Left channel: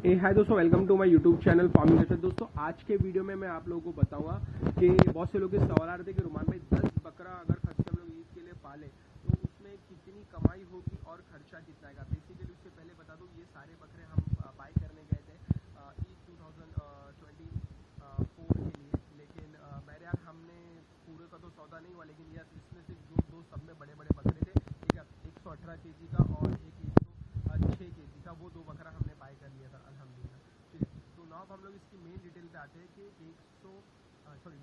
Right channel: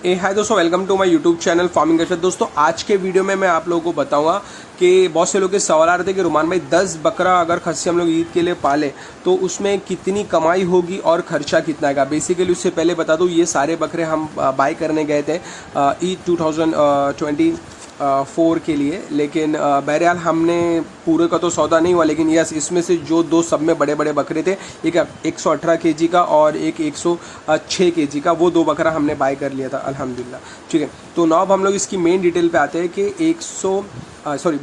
हाय दोस्तों, welcome to my YouTube channel farming culture. दोस्तों आज के वीडियो में मैं आप लोगों को बताऊंगा कि बहुत से लोग के सवाल आ रहे थे कि रुमान भाई 10 बकरा अगर खस्सी हम लोग ईद के लिए पाले तो उसमें कितनी कमाई होगी और खर्चा कितना आएगा। बेसिकली उससे पहले बता दूं, ये सारे बकरे हम बाय करने गए थे ईद 2024 के लिए, लेकिन बहरहाल हमने पूरे का तो सौदा नहीं हुआ। लेकिन यस, इसमें से जो दो सब में बड़े बड़े बकरे थे, एक 118 केजी का और एक 106 केजी का, वो दो बकरा हमने बाय कर लिया था अल्हम्दुलिल्लाह। ठीक है, तो नाउ अब हम लोग इसकी मेन डिटेल पे आते हैं कि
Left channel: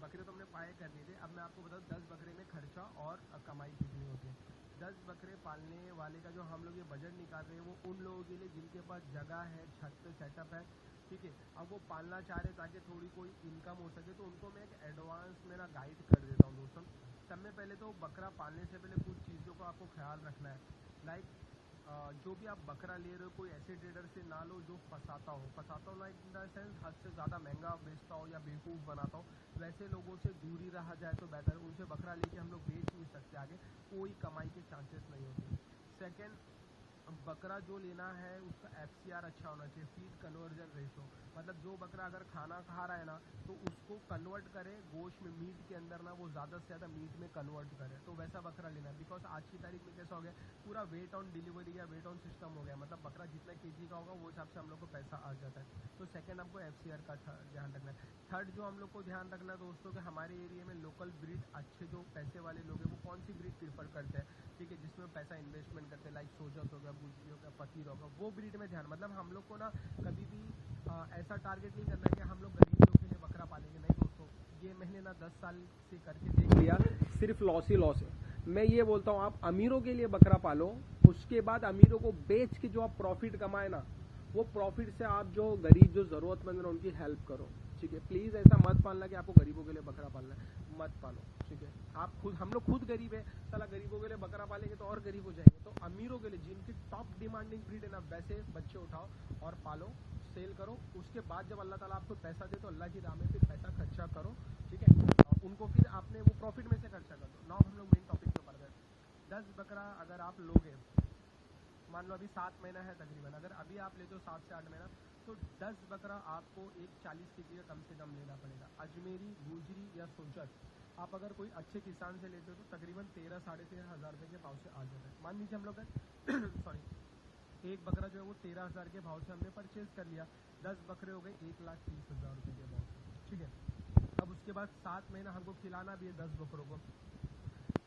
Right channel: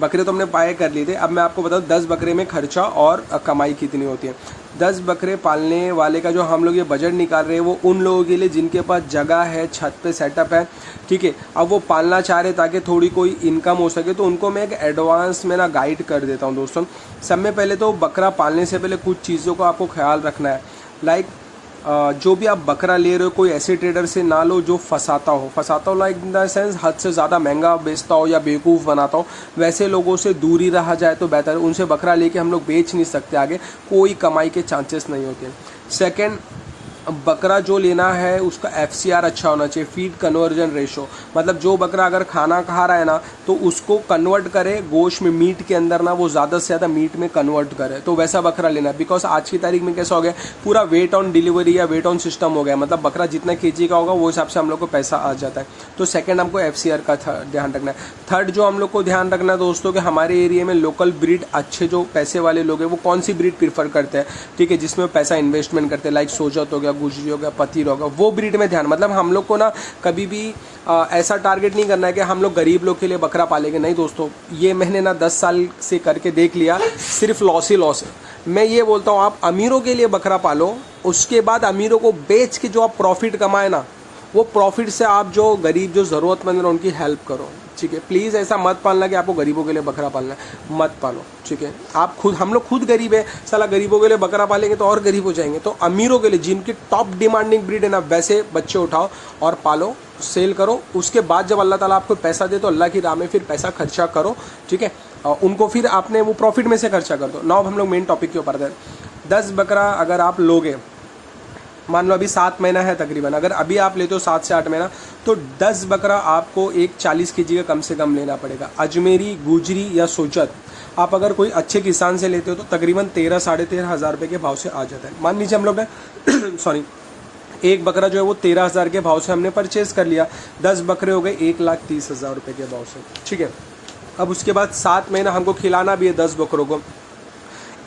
बकरे तो हमने बाय कर लिए थे। अब मैं आपको बताऊँ 10 बकरे में खर्चा और कमाई कितनी होती है। 10 बकरे पालने वाले का जो हम लोग ये बजट निकाल रहे हैं वो उन लोगों के लिए जिनके पास जगह है, छत पे सेटअप है। ठीक है, अब वो पालना चाह रहे ताकि थोड़ी कोई इनकम हो सके, तो उनको मैं एक एडवांस में ना गाइड कर देता हूँ। दोस्तों सब में पहले तो बकरा पालने से पहले कुछ चीज़ों का आपको ख्याल रखना है। लाइक जो भी आप बकरा ले रहे हो, कोई ऐसे ट्रेडर से ना लो जो फंसाता हो लाइक इन द सेंस हद से ज़्यादा महंगा बेचता हो या बेवकूफ़ बनाता हो। वैसे लोगों से दूर ही रहा जाए तो बेहतर है। उनसे बकरा लेके हम लोग बेच नहीं सकते, आगे कोई कमाई के चांसेस नहीं होते। सेकेंड, बकरा जो लेना है उसका FCR अच्छा होना चाहिए, फीड कन्वर्जन रेशो। मतलब जो बकरा अगर खाना खा रहा है ना तो उसको कन्वर्ट करे गोश्त में, मीट के अंदर ना वो ज़्यादा से ज़्यादा मीट में कन्वर्ट करे, तो वैसा बकरा लेना है। बिकॉज आज की तारीख में कैसा हो गया, पूरा वेट ऑन डिलीवरी या वेट ऑन सिस्टम हो गया। मतलब बकरा जितना केजी का होगा वो हिसाब से हम लोग को पैसा आ जाता है। तो सेकेंड, हमको FCR का ध्यान रखना है। थर्ड जो हम लोग को ध्यान रखना है दोस्तों, कि हमारे एरिया में लोकल ब्रीड अच्छे जो पैसे वाले लोग हैं वो कौन सी ब्रीड प्रीफर करते हैं। ठीक है, जिसमें पैसा इन्वेस्टमेंट करते हैं, लाइक सोजत हो गया, गुजरी हो गया, पतीर होगा, वो ब्रीड में ध्यान। मतलब हम लोग को ना कभी भी ऐसा टारगेट नहीं करना है कि हम लोग गरीब लोग के लिए बकरा पालेंगे। नहीं दोस्तों, ये मैंने ना 10 साल से करके देख लिया, सिर्फ लॉस ही लॉस है। मैं ये बोलता हूँ आप अमीरों के लिए बकरा पालो, उसके बाद अमीरों को बेच के जो आप प्रॉफिट कमाए ना, वो प्रॉफिट से आप जो गरीब जो ज़रूरतमंद है उनकी हेल्प करो। ठीक है, प्लीज़ ऐसा मत पालना कि आपको गरीबों के लिए बकरा पालना है, मत पालो। ठीक है, हम लोग खुद गरीब है, साला गरीबों के लिए बकरा पालेंगे तो और गरीब हो जाएंगे। तो अमीरों के लिए जिनकी टॉप डिमांडिंग ब्रीड है ना, वैसे बच्चे उठाओ और पालो, सेल करो। उसके बाद जब अल्लाह ताला आपको पैसा दे तो अल्लाह की राह में फिर पैसा खर्चा करो। ठीक है, उनको फिर आपने वो प्रॉफिट में से खर्चा कर दो। नाउ हम लोग मेन टॉपिक के ऊपर आते हैं। 10 बकरा अगर आप लोगे, मान लो अभी 7 महीना है तकरीबन, अगर अभी आप लेते हो 7 से 8 महीना, तो 10 बकरा आपको एक 40 केजी का कम से कम लेना पड़ेगा। अजमेरी, गुजरी या सोजत आप अगर कोई अच्छे किसान से लेते हो तो तकरीबन 13 साढ़े 13 हज़ार रुपये के भाव से आ जाता है। मान लीजिए हम लोग ने सॉरी एक बकरा जो है वो 13,000 के भाव से हमने परचेज कर लिया, 10 बकरे हो गए 1,30,000 रुपये के भाव से। ठीक है, अब उसके बाद 7 महीना हमको खिलाना भी है 10 बकरों को।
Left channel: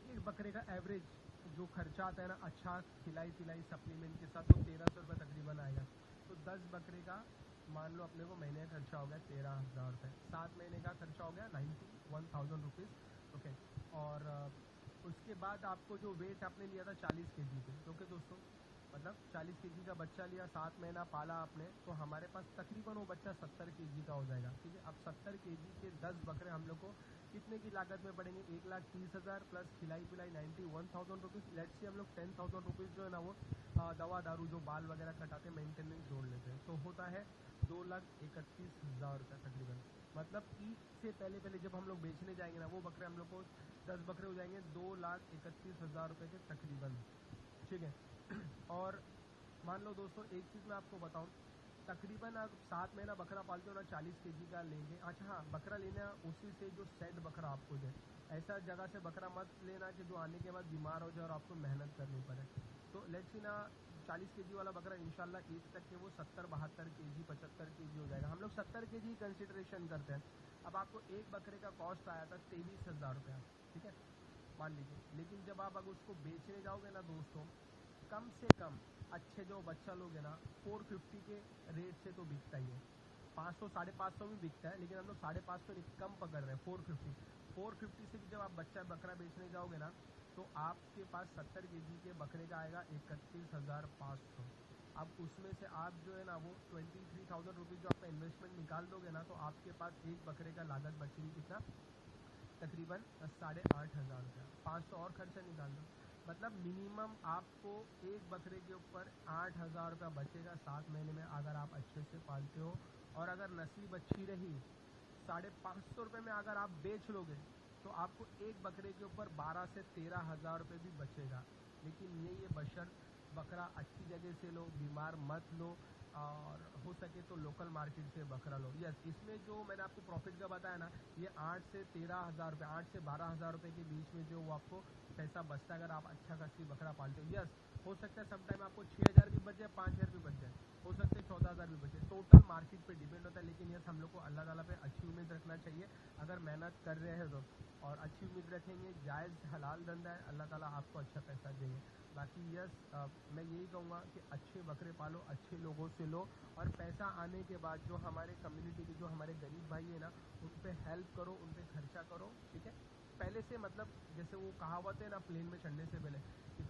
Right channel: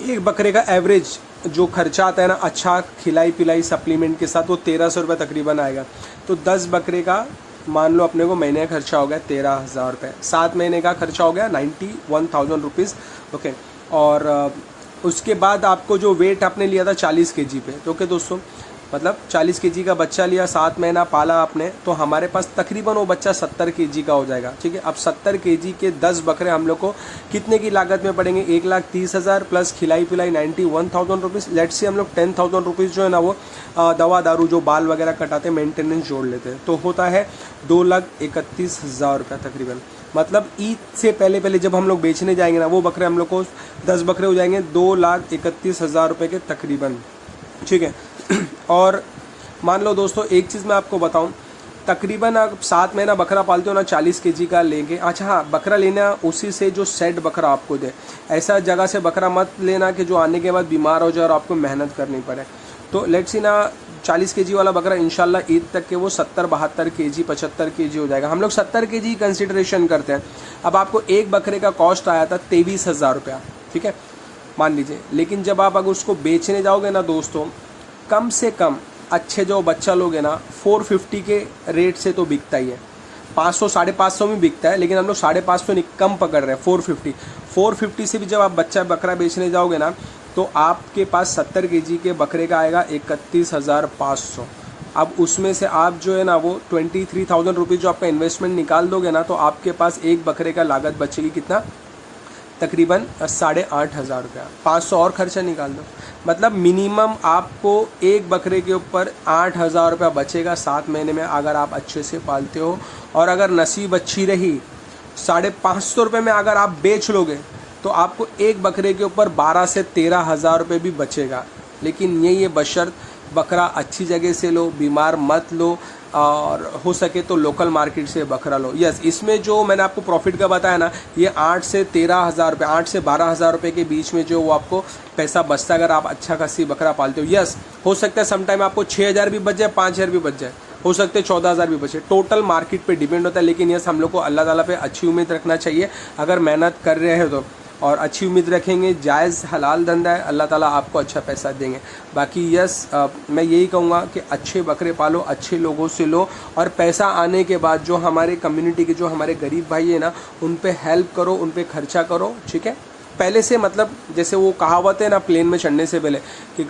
एक बकरे का एवरेज जो खर्चा आता है ना, अच्छा खिलाई पिलाई सप्लीमेंट के साथ, वो 1,300 रुपये तकरीबन आएगा। तो 10 बकरे का मान लो अपने को महीने का खर्चा हो गया 13,000 रुपये, 7 महीने का खर्चा हो गया 91,000 रुपीज़। ओके, और उसके बाद आपको जो वेट आपने लिया था 40 केजी पे, तो ओके दोस्तों, मतलब 40 केजी का बच्चा लिया, 7 महीना पाला आपने, तो हमारे पास तकरीबन वो बच्चा 70 केजी का हो जाएगा। ठीक है, अब 70 केजी के 10 बकरे हम लोग को कितने की लागत में पड़ेंगे, 1,30,000 प्लस खिलाई पिलाई 91,000 रुपीज़। लेट्स से हम लोग 10,000 रुपीज़ जो है ना वो दवा दारू जो बाल वगैरह कटाते मेंटेनेंस जोड़ लेते हैं, तो होता है 2,31,000 रुपये तकरीबन। मतलब ईद से पहले जब हम लोग बेचने जाएंगे ना, वो बकरे हम लोग को 10 बकरे हो जाएंगे 2,31,000 रुपये के तकरीबन। ठीक है, और मान लो दोस्तों एक चीज़ मैं आपको बताऊं, तकरीबन आप 7 महीना बकरा पालते हो ना, 40 केजी का लेंगे। अच्छा हाँ, बकरा लेना उसी से जो सेट बकरा आपको दे, ऐसा जगह से बकरा मत लेना कि जो आने के बाद बीमार हो जाए और आपको मेहनत करनी पड़े। तो लेट्स सी ना 40 केजी वाला बकरा इंशाल्लाह ईद तक के वो 70-72 केजी 75 केजी हो जाएगा। हम लोग 70 केजी कंसिडरेशन करते हैं। अब आपको एक बकरे का कॉस्ट आया था 23,000 रुपया, ठीक है मान लीजिए। लेकिन जब आप अगर उसको बेचने जाओगे ना दोस्तों, कम से कम अच्छे जो बच्चा लोग है ना 450 के रेट से तो बिकता ही है, 500 550 में बिकता है, लेकिन हम लोग 550 नहीं कम पकड़ रहे हैं, 450 से भी जब आप बच्चा बकरा बेचने जाओगे ना तो आपके पास 70 केजी के बकरे का आएगा 31,500। अब उसमें से आप जो है ना वो 23,000 रुपीज़ जो आपका इन्वेस्टमेंट निकाल दोगे ना, तो आपके पास एक बकरे का लागत बचेगी कितना, तकरीबन 8,500 रुपया। 500 और खर्चा निकाल दो, मतलब मिनिमम आपको एक बकरे के ऊपर 8,000 रुपया बचेगा 7 महीने में, अगर आप अच्छे से पालते हो। और अगर नसीब अच्छी रही 550 रुपये में अगर आप बेच लोगे तो आपको एक बकरे के ऊपर 12 से 13,000 रुपये भी बचेगा। लेकिन ये बशर्त बकरा अच्छी जगह से लो, बीमार मत लो, और हो सके तो लोकल मार्केट से बकरा लो। यस, इसमें जो मैंने आपको प्रॉफिट का बताया ना, ये 8 से 13,000 रुपये, 8 से 12,000 रुपये के बीच में जो वो आपको पैसा बचता है अगर आप अच्छा खासी बकरा पालते हो। यस, हो सकता है समटाइम आपको 6,000 भी बच जाए, 5,000 भी बच जाए, हो सकते हैं 14,000 भी बचे। टोटल मार्केट पे डिपेंड होता है, लेकिन यस हम लोग को अल्लाह ताला पे अच्छी उम्मीद रखना चाहिए। अगर मेहनत कर रहे हैं तो और अच्छी उम्मीद रखेंगे, जायज़ हलाल धंधा है, अल्लाह ताला आपको अच्छा पैसा देंगे। बाकी यस मैं यही कहूँगा कि अच्छे बकरे पालो, अच्छे लोगों से लो, और पैसा आने के बाद जो हमारे कम्युनिटी के जो हमारे गरीब भाई है ना, उन पे हेल्प करो, उन पे खर्चा करो, ठीक है। पहले से मतलब जैसे वो कहावत है ना प्लेन में चढ़ने से पहले कि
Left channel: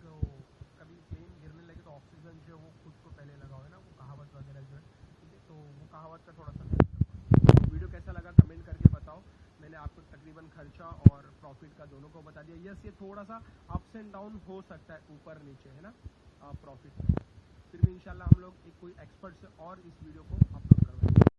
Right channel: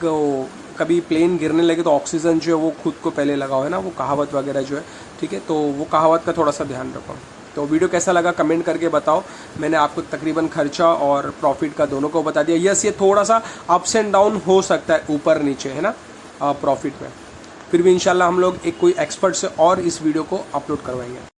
कभी प्लेन गिरने लगे तो ऑक्सीजन जो है वो खुद को पहले लगाओ, है ना, वो कहावत वगैरह जो है, ठीक है। तो वो कहावत का थोड़ा सा ध्यान रखो। तो वीडियो कैसा लगा कमेंट करके बताओ। मैंने आपको तकरीबन खर्चा और प्रॉफिट का दोनों को बता दिया। यस, ये थोड़ा सा अप्स एंड डाउन हो सकता है, ऊपर नीचे, है ना, प्रॉफिट में। फिर भी इंशाल्लाह हम लोग एक कोई एक्सपर्ट से और इस वीडियो को अपलोड करवाएंगे।